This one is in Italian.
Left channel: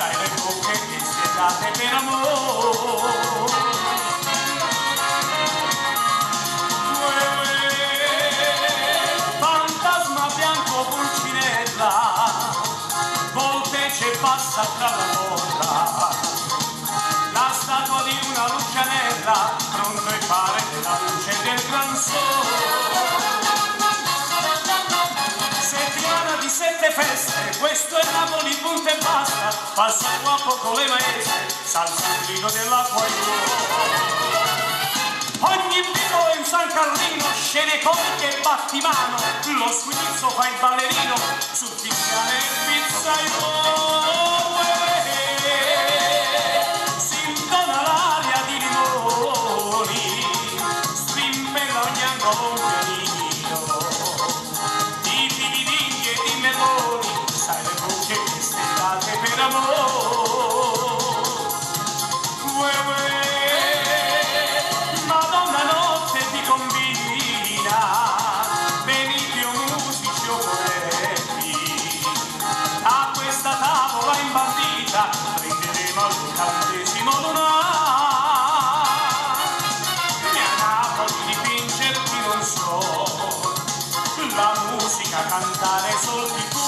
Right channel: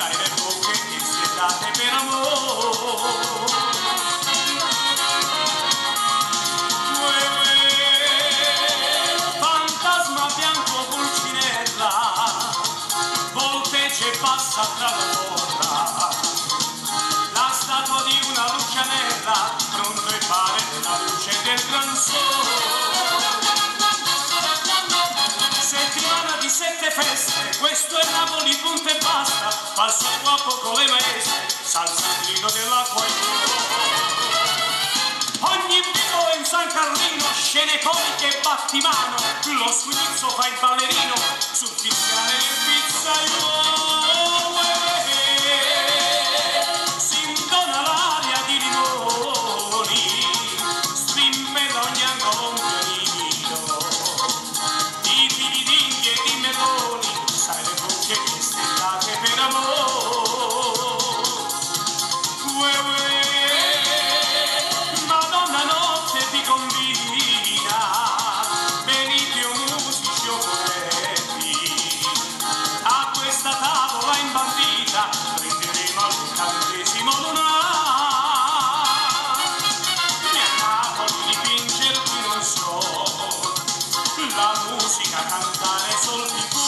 sai le bocche che si date per amore. Fantasma bianco pulcinella, volpece passa tra la porta, la statua di una lucianella, pronto e pare della luce del gran sole. Settimana di 7 feste, questo è Napoli, punto e basta, passano a poco le maestre, salsa il grido dell'acqua e ogni vivo è un San Carlino, scene comiche e battimano, lo squinizzo fa il ballerino, sul fiscale il pizzaiolo, si intona l'aria di limoni, strimpella ogni angolo un pianino, di filigini e di meloni, sai le bocche che stellate per amore. Madonna notte ti combina, venite o musici o poeti, a questa tavola imbandita prenderemo all'incantesimo lunare. E a Napoli dipingerti non so, la musica cantare soldi.